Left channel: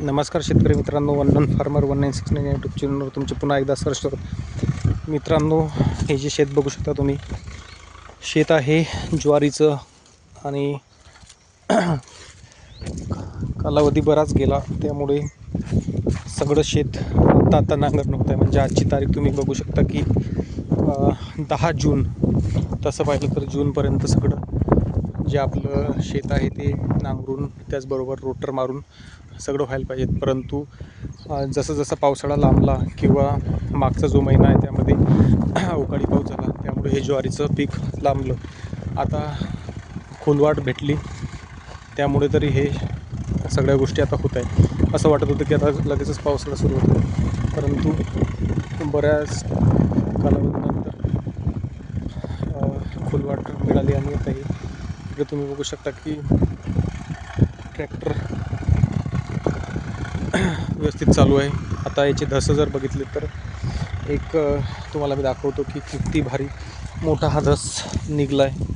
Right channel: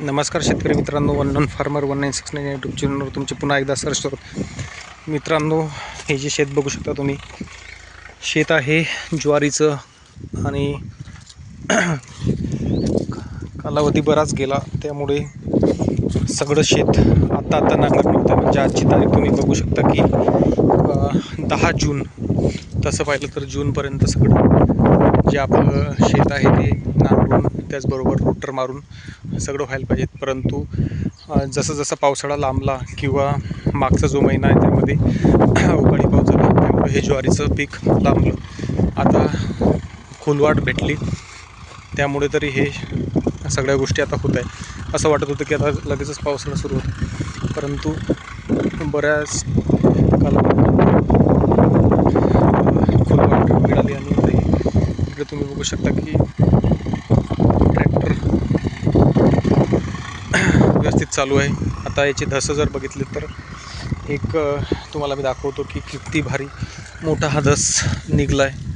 नमस्कार शेतकरी मित्रांनो one one farmer one nine six nine YouTube चॅनलवर तुमचे पुन्हा एकदा सर्च करत मित्रांनो हे जे शेत बघू शकता तुम्ही शेत आहे ज्वारीचं आणि कालावधी बराच गेला त्यामुळे सगळं शेत आता आता नांगरणी होतं म्हणजे आजची तारीख तुम्ही बघू शकता की दहा जून तसं पाहिलं तर जूनपर्यंत सगळं. जे आपलं शेत आहे ते नांगरून त्याचबरोबर रोटर मारून सगळं व्हायला पाहिजेत. परंतु जसं जसं पावसाळा लांबला किंवा मागचा जो महिना आहे त्यामध्ये अवकाळी पाऊस झाला त्यामुळे हे ज्वारीचं पीक लांबलं. आता खोलवाट भेटली. त्यामुळे तरी हे सगळ्या गोष्टी आता होत आहे असं वाटत होतं की आता लगेचच पावसाळा सुरू होतो. परंतु बऱ्याच काला अ, खोलवाट मिळाली आणि आता हे इकडे तुम्ही बघू शकता की ट्रॅक्टर व्यवस्थित चालू आहे. आता याचे धसं जर बघितले तर एक तुम्हाला मी दाखवतो की किती भारी मोठा हा धस निघला आहे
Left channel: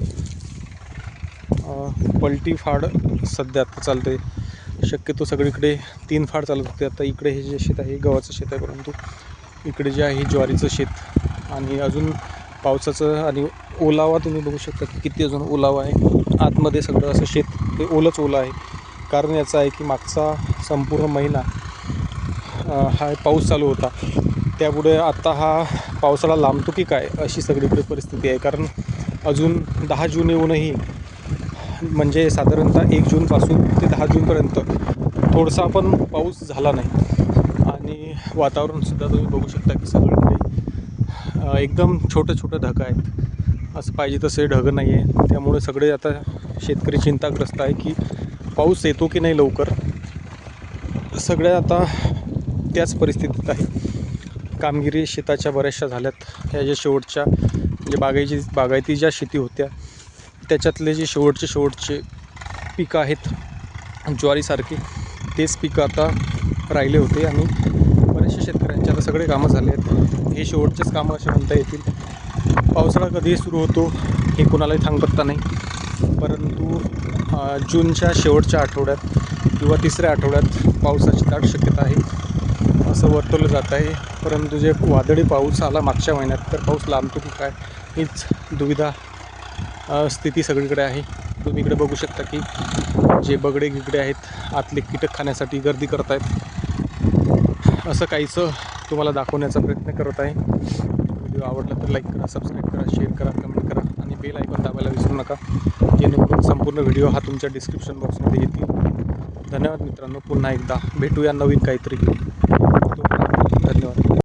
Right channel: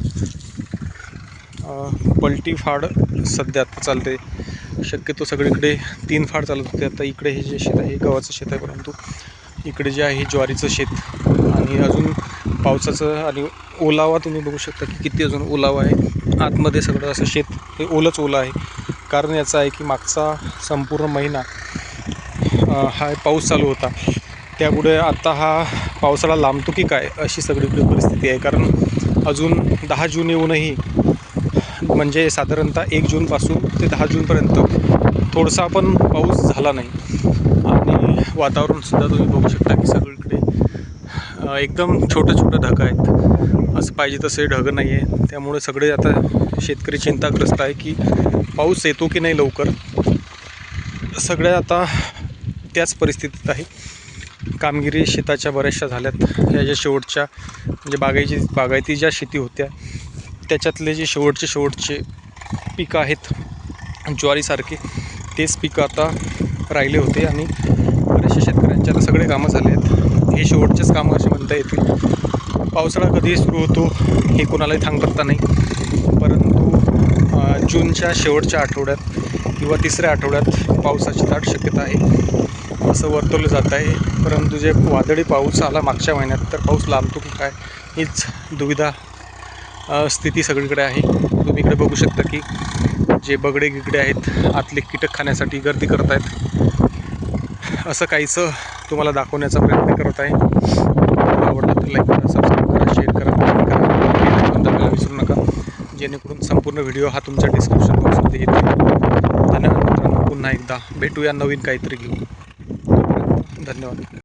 पलटी फाड सध्या आता चालते. शक्यतो सगळीकडे तीन फाड चालत होते. आता इकडे हे जे शेत आहे हे गव्हाचं शेत आहे परंतु इकडे जे आहे ज्वारीचं शेत. आणि अजून पावसाचं आणि ओलावा तुम्ही बघू शकता की किती अजून ओलावा आहे. आतमध्ये सगळं असं शेत हे ओलंच ओलं आहे. कारण याचं आहे की मागचा संपूर्ण महिना हा पाऊस चालू होता. त्यामुळे आता हा पावसाळा लांबतो की काय अशी सगळीकडे परिस्थिती आहे. कारण अजून दहा जून येऊनही म्हणजे साधारणतः एक जूनपासून ते दहा जूनपर्यंत थोडासा पण पाऊस झाला नाही. वातावरणसुद्धा तुम्ही बघू शकता की सगळीकडे एकदम छोटं छोटं ढगं आहेत. असं पाहिजे तसे ढगं नाही आहे त्यामुळे सगळे आता शेतकरी चिंताग्रस्त आहे की पाऊस येतो की नाही लवकर? सगळ्या आता त्याच परिस्थितीत आहे. कामगिरी शेताच्या बऱ्याचशा झाल्यात. ह्या ज्या शेवटच्या म्हणजे बागायची बागायती ज्या शेती होत्या त्याच्यातले जे शेवटचे शेवटचे पिकं आहेत ज्वारीसारखे तेच पिकं आता राहिले होते आणि बरेचसे शेतकऱ्यांचे आता सगळे कामं झाले आहेत. हे शेवटचेच कामं असे म्हणता येतील. पावसाळा कधीही सुरू होतो हे कोणालाही सांगता नाही. परंतु जूनच्या शेवटच्या आठवड्यात किंवा तिसऱ्या आठवड्यात पावसाची दाट शक्यता आहे. असं वर्तवलं जात आहे. परंतु जे वादळी पाऊस आला मागच्या महिन्यात तर पाऊस लांबतो की काय हीच दुविधा स्थिती सगळीकडे आहे. तुम्ही इकडे बघू शकता की जे बगडे गिगडे आहेत आतले कीटक खाण्यासाठी गर्दी करत आहेत असं काहीचं तुम्हाला दाखवण्याचा प्रयत्न करत आहे. आवडलं तर लाईक करा सबस्क्राईब करा शेअर करा कमेंट करा. आयकॉन दाबायला विसरू नका. जेणेकरून संपूर्ण व्हिडिओ हा तुमच्या डिस्क्रिप्शन बॉक्समध्ये येतील धन्यवाद मित्रांनो. पुन्हा एकदा भेटूया नवीन काहीतरी घेऊन. धन्यवाद.